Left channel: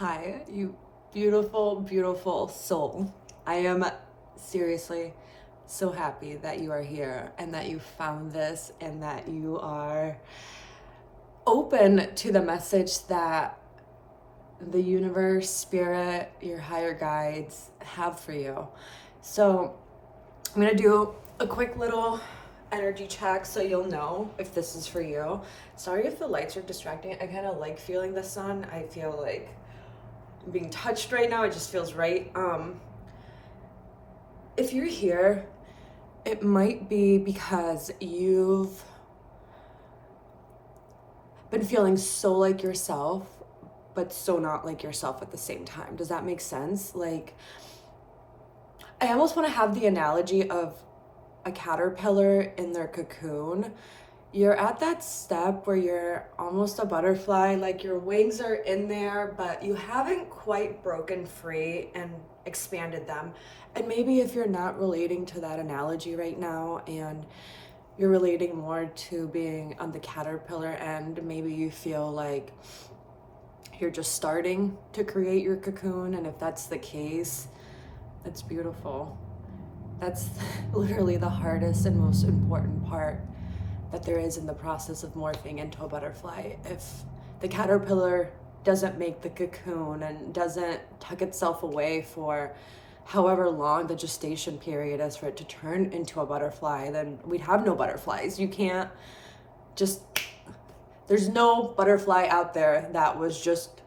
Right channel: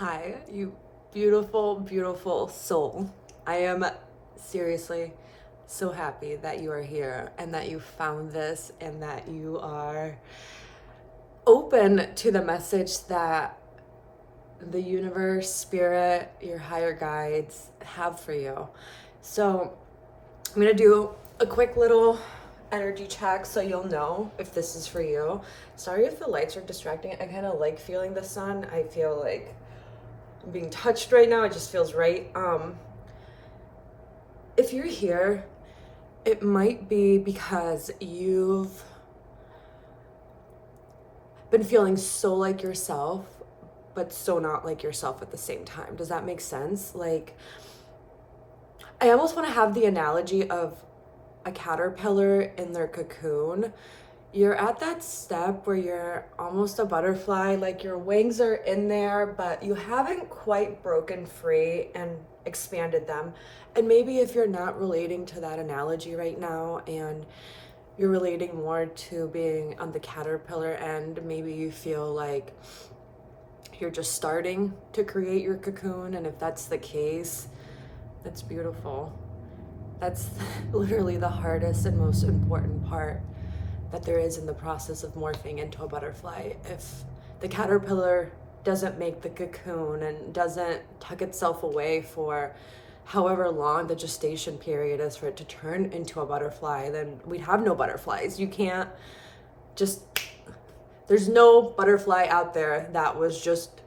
Hi, you beautiful, beautiful soul. I am seriously so happy that you are here and that you found this and that you are open to the message that the universe, spirit, your higher guides have for you. So, I'm gonna do a quick little energy check so you'll know if this is for you. Sorry if the lights are distracting. I kind of like feeling the sun. I feel like I'm being touched right now. It just feels right. If you're here, it might be because you've been feeling so like yourself, but so not like yourself at the same time. Does that make sense? Like, I almost want to have the analogy of a caterpillar in their cocoon. You're at that step where you're almost a butterfly, like your wings are in there, but you haven't quite broken free and expanded them. And maybe if you're not relating to that analogy right now and you're relating more to being on the caterpillar end, maybe you feel like you're just starting to create your cocoon. And if that's the case, that's beautiful. That's literally the hardest and most important part that there is in the process of morphing into a butterfly. If the caterpillar doesn't make the cocoon and doesn't tuck itself away for however long the gestation period is for it to turn into a butterfly, then we'd have no butterflies. You can't just, there's no butterfly out there that was just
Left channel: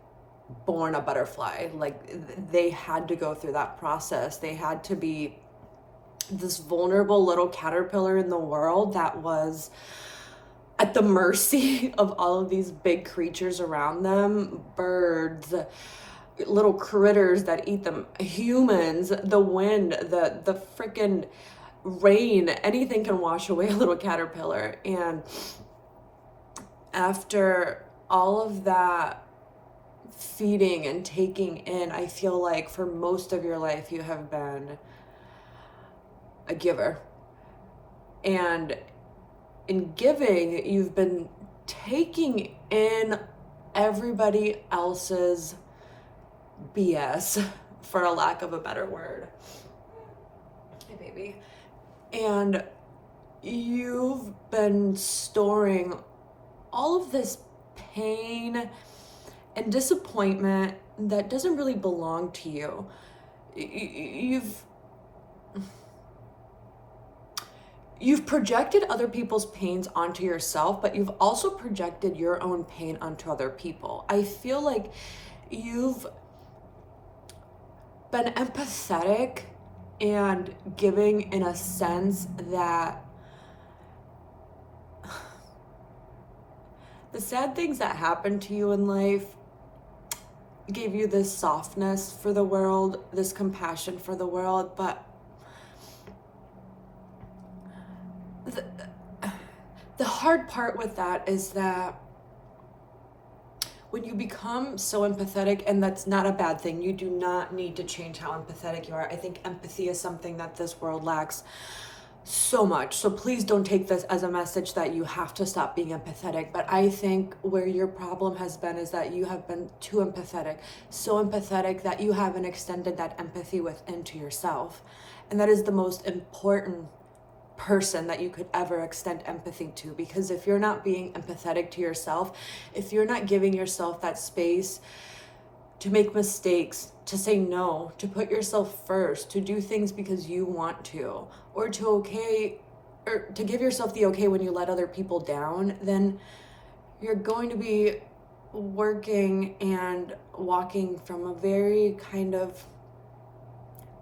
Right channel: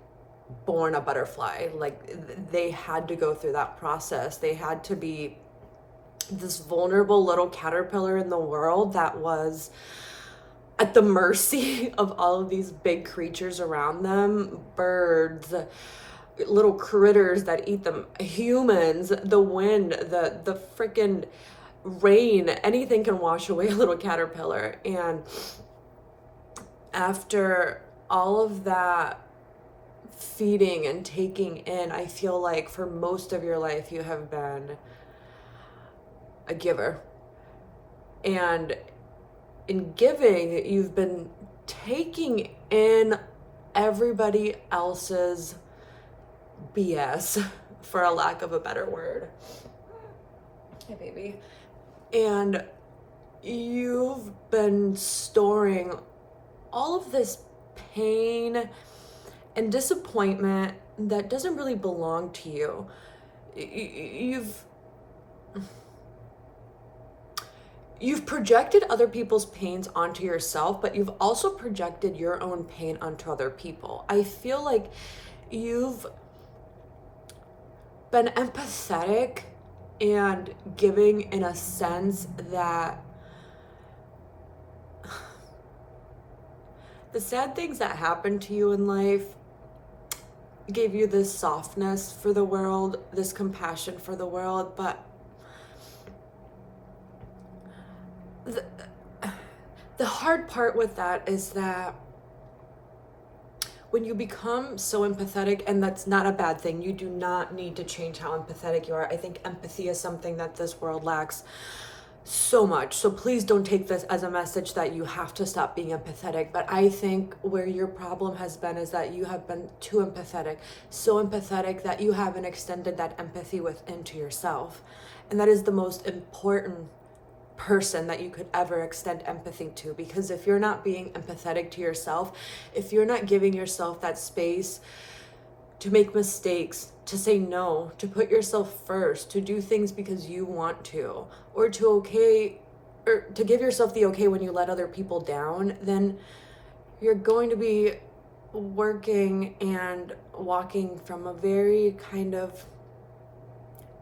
born a butterfly. Like, they had to go through that process. They had to be this vulnerable little caterpillar in the world that was at the mercy of all of these big creatures around them, birds, little critters that eat them, humans, the wind, the freaking rain, anything can wash away a little caterpillar. And after all of that feeding and taking in, I feel like for most of your life you have been a giver. And in giving, you've been taking in everybody else's BS, for a lack of a better word. Hey, baby. And you've been storing all of this pain and disappointment that doesn't really belong to you. You've projected other people's pains onto yourself, but you've also projected your own pain onto other people. I feel like you've been empathetic and giving in a sense that the sad things that happened to you in life gave you this softness for the world, this compassion for the world, but the hard part with that is that when you become so empathetic, and that's not a bad thing, you do not need to change how empathetic you are. I think empathy is something that this world lacks so much. So please don't take this as a message that you have to stop being empathetic. But I think where your problem has been is that you have been too empathetic, so empathetic that you haven't extended that empathy within to yourself. And that is the most important person that you could ever extend empathy to, because if you're not being empathetic to yourself, if you're not giving yourself that space to make mistakes, to say no, to put yourself first, to do things because you want to, or to give yourself the okay when you let other people down, then you're going to be working and walking from a very kind of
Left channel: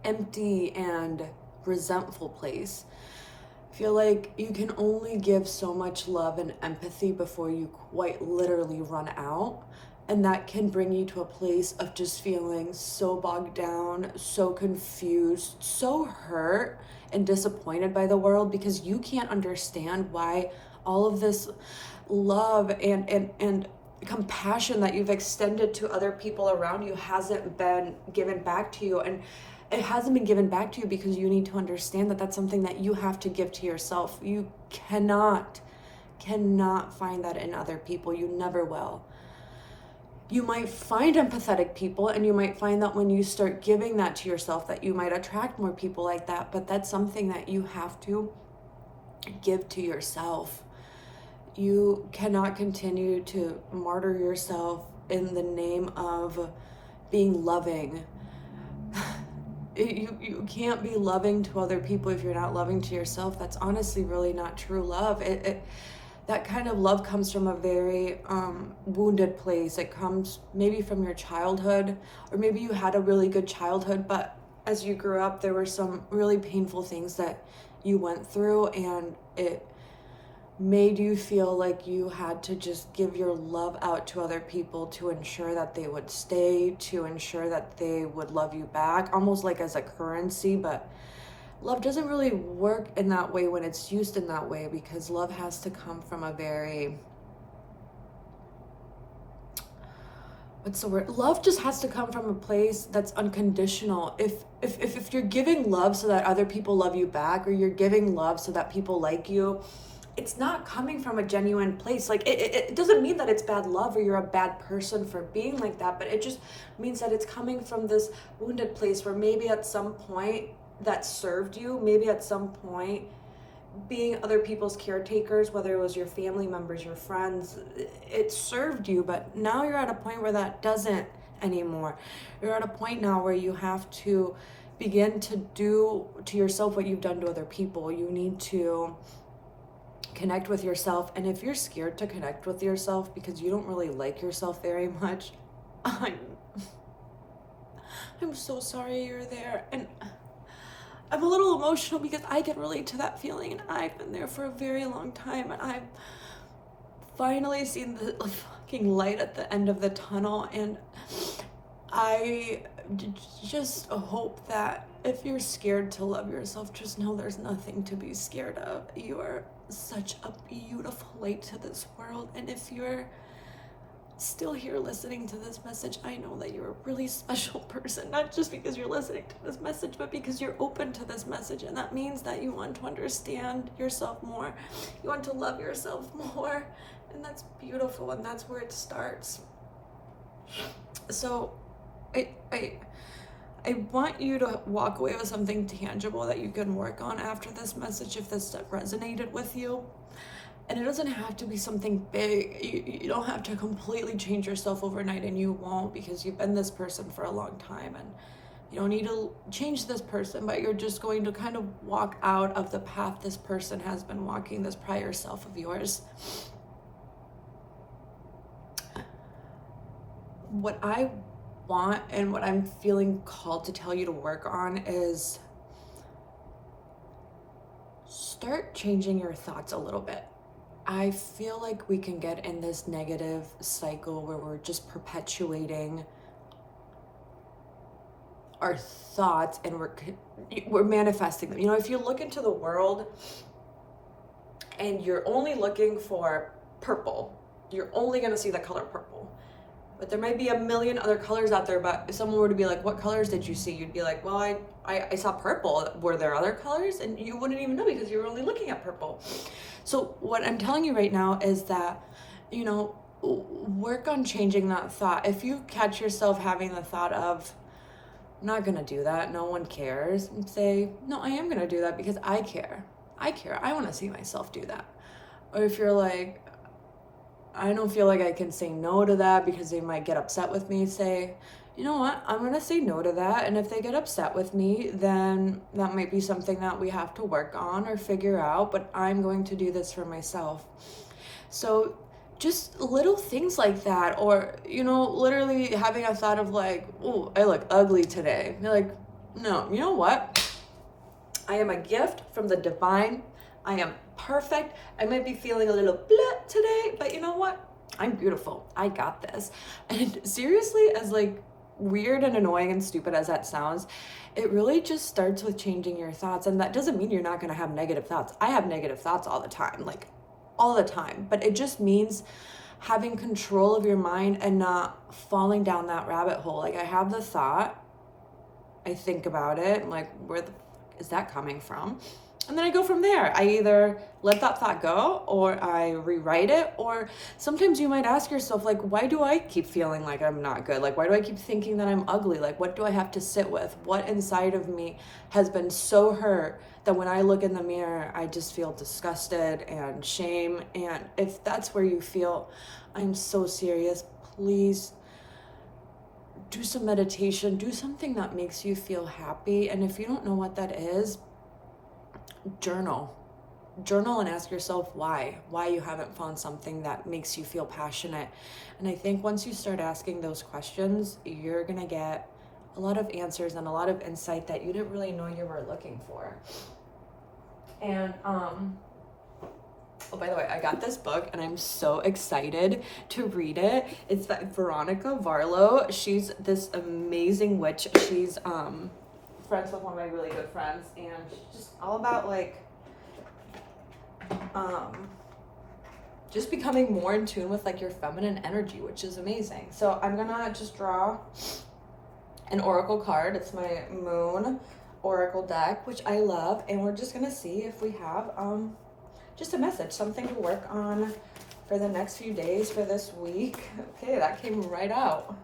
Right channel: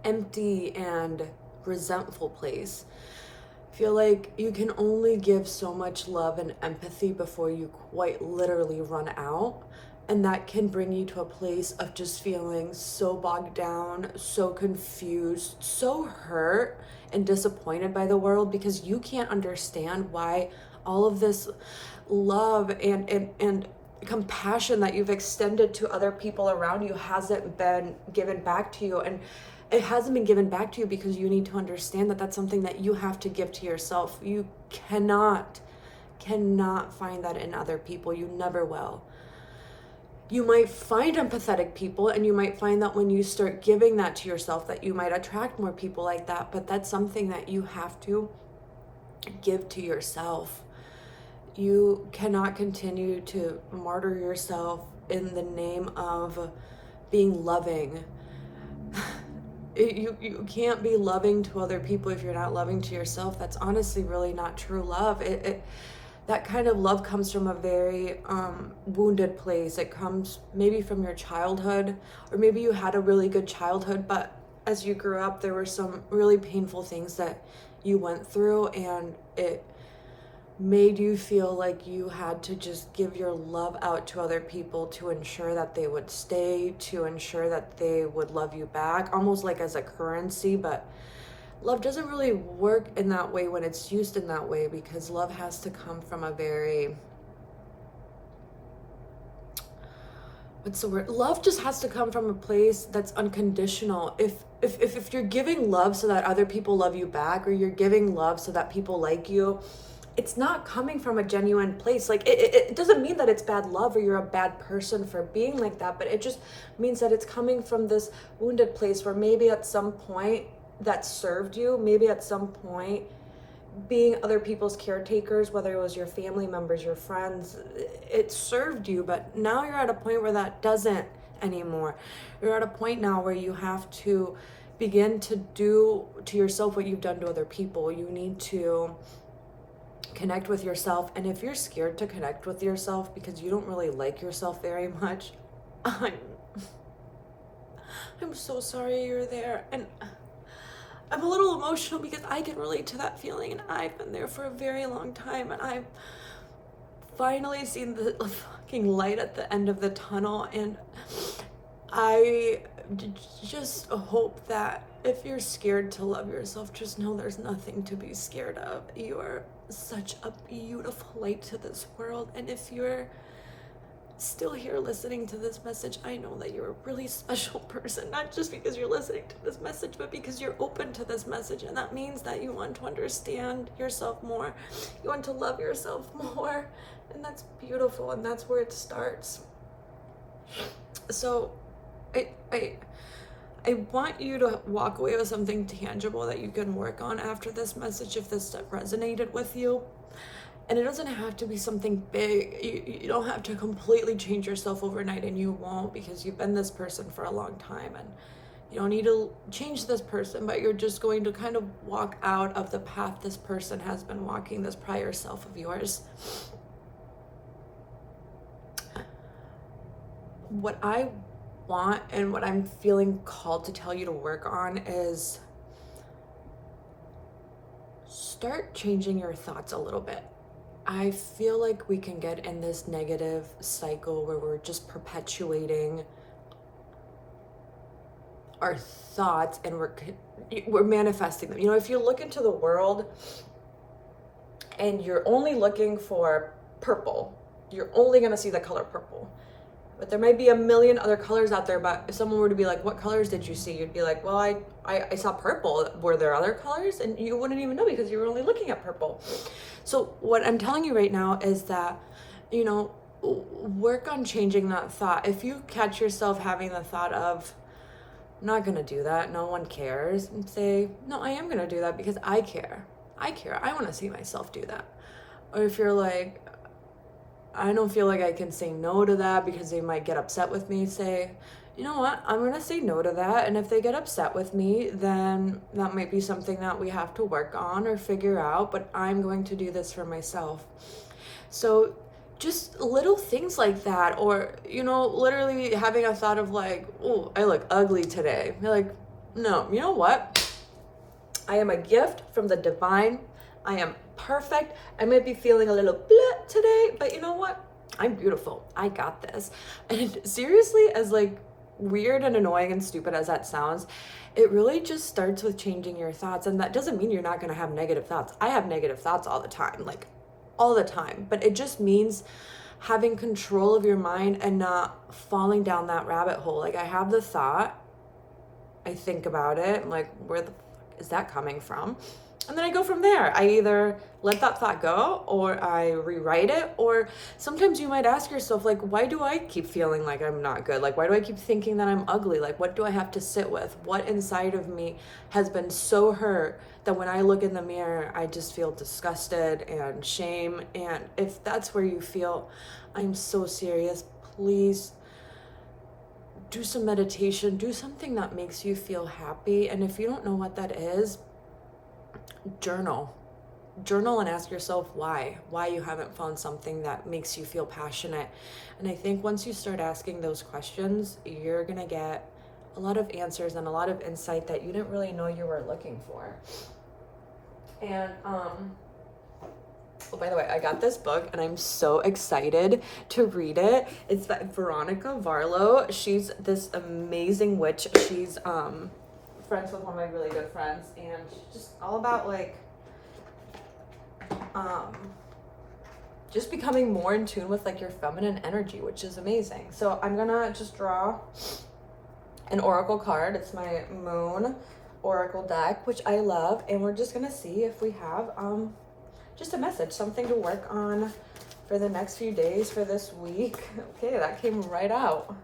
empty and resentful place. I feel like you can only give so much love and empathy before you quite literally run out. And that can bring you to a place of just feeling so bogged down, so confused, so hurt and disappointed by the world, because you can't understand why all of this love and compassion that you've extended to other people around you hasn't been given back to you. And it hasn't been given back to you because you need to understand that that's something that you have to give to yourself. You cannot find that in other people. You never will. you might find empathetic people, and you might find that when you start giving that to yourself, that you might attract more people like that. But that's something that you have to give to yourself. You cannot continue to martyr yourself in the name of being loving. You can't be loving to other people if you're not loving to yourself. That's honestly really not true love. That kind of love comes from a very wounded place. It comes maybe from your childhood, or maybe you had a really good childhood, but as you grew up, there were some really painful things that you went through, and it made you feel like you had to just give your love out to other people to ensure that they would stay, to ensure that they would love you back, almost like as a currency. But love doesn't really work in that way when it's used in that way, because love has to come from a very, what's the word? Love just has to come from a place that's unconditional. If you're giving love so that other people love you back, or you're giving love so that people like you, it's not coming from a genuine place. Like it doesn't mean that it's bad love or you're a bad person for being like that, but it just means that it's coming from this wounded place where maybe at some point that served you, maybe at some point being other people's caretakers, whether it was your family members, your friends, it served you, but now you're at a point where that doesn't anymore. You're at a point now where you have to begin to do to yourself what you've done to other people. You need to connect with yourself. And if you're scared to connect with yourself because you don't really like yourself very much, I'm so sorry you're there. And I'm a little emotional because I can relate to that feeling, and I've been there for a very long time, and I've finally seen the fucking light at the end of the tunnel. And I just hope that if you're scared to love yourself, just know there's nothing to be scared of. You are such a beautiful light to this world. And if you're still here listening to this message, I know that you're a really special person, not just because you're listening to this message, but because you're open to this message. And that means that you want to understand yourself more. You want to love yourself more. And that's beautiful. And that's where it starts. So I want you to walk away with something tangible that you can work on after this message, if this resonated with you. And it doesn't have to be something big. You don't have to completely change yourself overnight, and you won't, because you've been this person for a long time, and you don't need to change this person, but you're just going to kind of walk out of the path this person has been walking, this prior self of yours. What I want and what I'm feeling called to tell you to work on is start changing your thoughts a little bit. I feel like we can get in this negative cycle where we're just perpetuating our thoughts, and we're manifesting them. You know, if you look into the world and you're only looking for purple, you're only going to see the color purple. But there might be a million other colors out there. But if someone were to be like, what colors did you see? You'd be like, well, I saw purple. Were there other colors? And you wouldn't even know because you were only looking at purple. So what I'm telling you right now is that, you know, work on changing that thought. If you catch yourself having the thought of, I'm not going to do that, no one cares, and say, no, I am going to do that because I care. I want to see myself do that. Or if you're like, I don't feel like I can say no to that because they might get upset with me, say, you know what, I'm going to say no to that. And if they get upset with me, then that might be something that we have to work on or figure out, but I'm going to do this for myself. So just little things like that, or, you know, literally having a thought of like, oh, I look ugly today. You're like, no, you know what? I am a gift from the divine. I am perfect. I might be feeling a little blah today, but you know what? I'm beautiful. I got this. And seriously, as like weird and annoying and stupid as that sounds, it really just starts with changing your thoughts. And that doesn't mean you're not going to have negative thoughts. I have negative thoughts all the time, like all the time. But it just means having control of your mind and not falling down that rabbit hole. Like I have the thought, I think about it, I'm like, where the fuck is that coming from? And then I go from there. I either let that thought go or I rewrite it. Or sometimes you might ask yourself, like, why do I keep feeling like I'm not good? Like, why do I keep thinking that I'm ugly? Like, what do I have to sit with? What inside of me has been so hurt that when I look in the mirror, I just feel disgusted and shame? And if that's where you feel, I'm so serious, please do some meditation, do something that makes you feel happy. And if you don't know what that is, journal and ask yourself why you haven't found something that makes you feel passionate. And I think once you start asking those questions, you're gonna get a lot of answers and a lot of insight that you didn't really know you were looking for. And oh, by the way, I got this book and I'm so excited to read it. It's by Veronica Varlow. She's this amazing witch. She's friends with one of my really good friends, and she's just all about like just becoming more in tune with like your feminine energy, which is amazing. So I'm gonna just draw an oracle card. It's my moon oracle deck, which I love, and we're just gonna see if we have just a message, something to work on for the next few days, for this week. Okay, that came right out.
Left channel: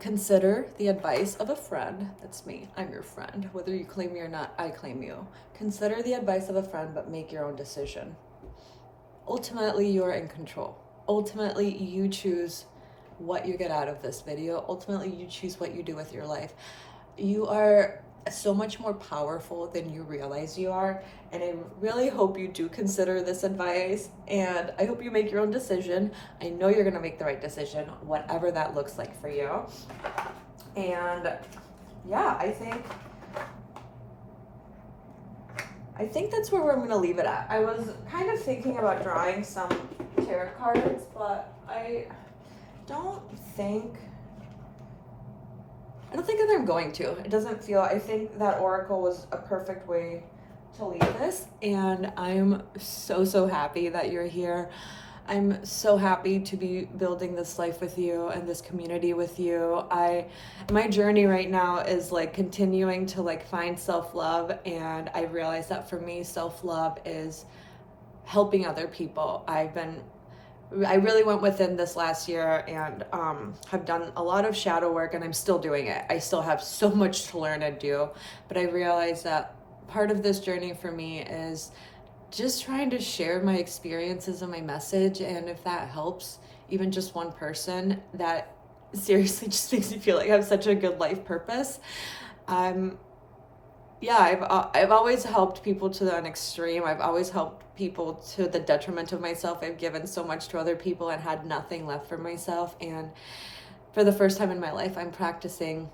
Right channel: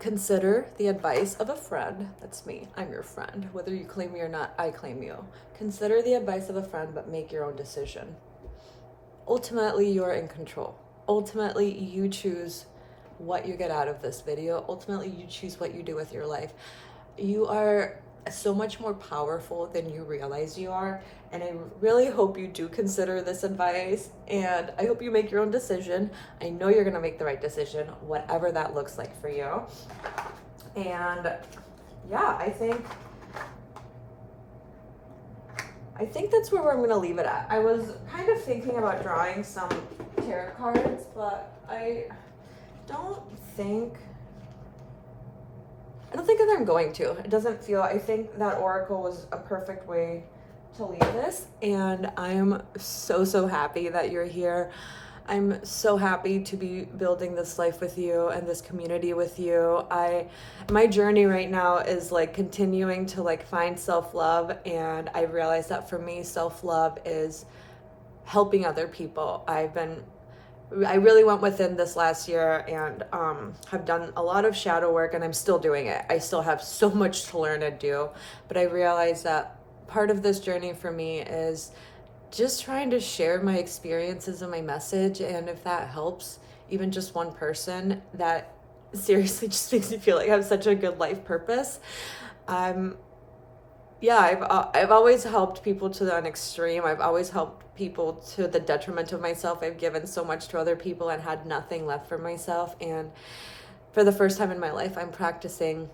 Consider the advice of a friend. That's me. I'm your friend. Whether you claim me or not, I claim you. Consider the advice of a friend, but make your own decision. Ultimately, you're in control. Ultimately, you choose what you get out of this video. Ultimately, you choose what you do with your life. You are so much more powerful than you realize you are. And I really hope you do consider this advice, and I hope you make your own decision. I know you're gonna make the right decision, whatever that looks like for you. And yeah, I think that's where I'm gonna leave it at. I was kind of thinking about drawing some tarot cards, but I don't think that I'm going to. It doesn't feel, I think that oracle was a perfect way to leave this, and I'm so happy that you're here. I'm so happy to be building this life with you and this community with you. My journey right now is like continuing to like find self-love, and I realize that for me, self-love is helping other people. I really went within this last year and have done a lot of shadow work, and I'm still doing it. I still have so much to learn and do, but I realized that part of this journey for me is just trying to share my experiences and my message. And if that helps even just one person, that seriously just makes me feel like I have such a good life purpose. I've always helped people to an extreme. I've always helped people to the detriment of myself. I've given so much to other people and had nothing left for myself. And for the first time in my life, I'm practicing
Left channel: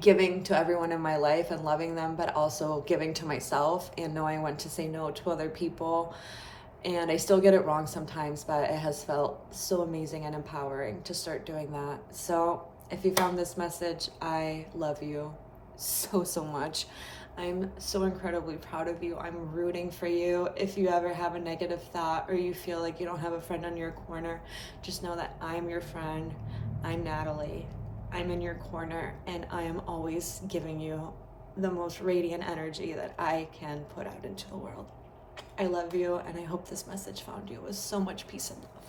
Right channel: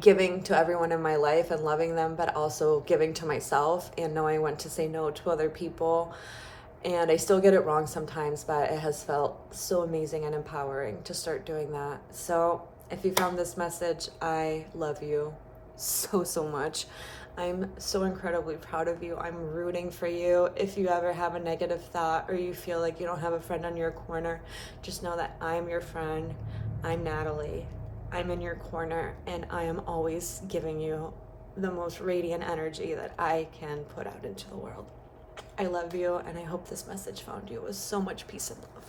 giving to everyone in my life and loving them, but also giving to myself and knowing when to say no to other people. And I still get it wrong sometimes, but it has felt so amazing and empowering to start doing that. So if you found this message, I love you so much. I'm so incredibly proud of you. I'm rooting for you. If you ever have a negative thought or you feel like you don't have a friend on your corner, just know that I'm your friend. I'm Natalie. I'm in your corner, and I am always giving you the most radiant energy that I can put out into the world. I love you, and I hope this message found you with so much peace and love.